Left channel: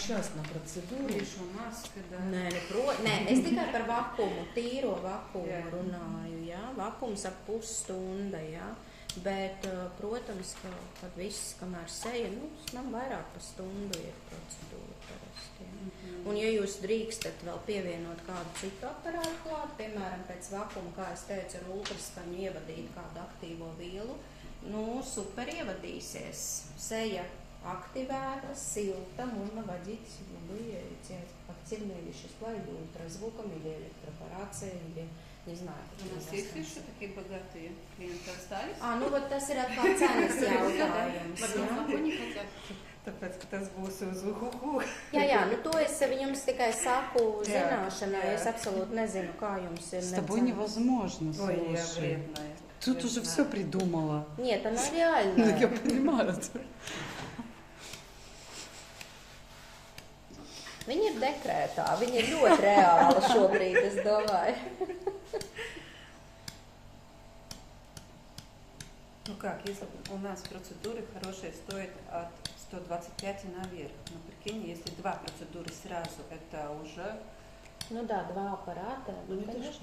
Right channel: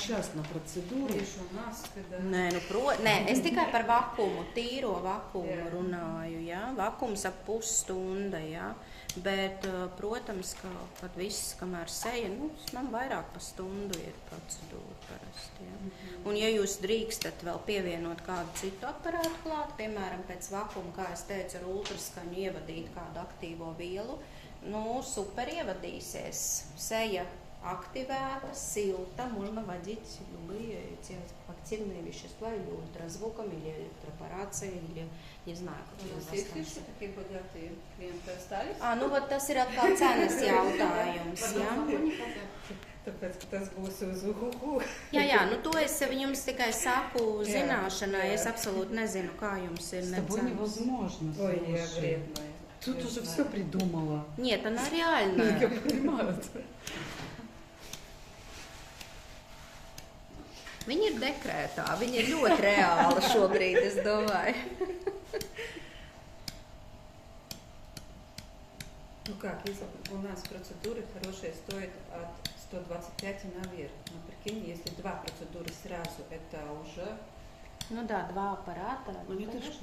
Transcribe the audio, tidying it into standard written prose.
частна процедūra. Tieši un maska, da. Nē, es tikai par vakumu, tīro vakumu runāju, jā. Vakums ap pusstunda, jā. Bet, protams, kad viss, kamēr seja, nav vairāk pa stundu ir procedūra parasti, jā. Un ja jūs drīkstat vēl pievienot kādu citu aparātu klāt, piemēram, pēc vakuma, kā es teicu, ar ultraskaņu ievadīt kādu aktīvo vielu, super ievadīsies. Seja активата, силта, можно вводить любые активные вещества или ультразвуком, или электропорацией, или не знаю, как У нас есть еще такие богатые клиенты остались? Вот tas ir atkal cenas jautājums. Tāpēc, ka tas būs uz uhuhu. Jā, to es jums tikai saku zināšanai, es absolūti nezinu, kā jums ir. С тобой невозможно, Ой, я слушай. вредная. Тут уже все придумала. Нет, она реальная. Я понимаю. Viņa ir dekrētā, viņa ir ļoti reāla šobrīd, es domāju. Ну как, если у нас процедуры хорошие стоят от 125 и наверх. Но прикинь, если 2 процедуры сразу, это уже... Да, 2 аппарата. Это ж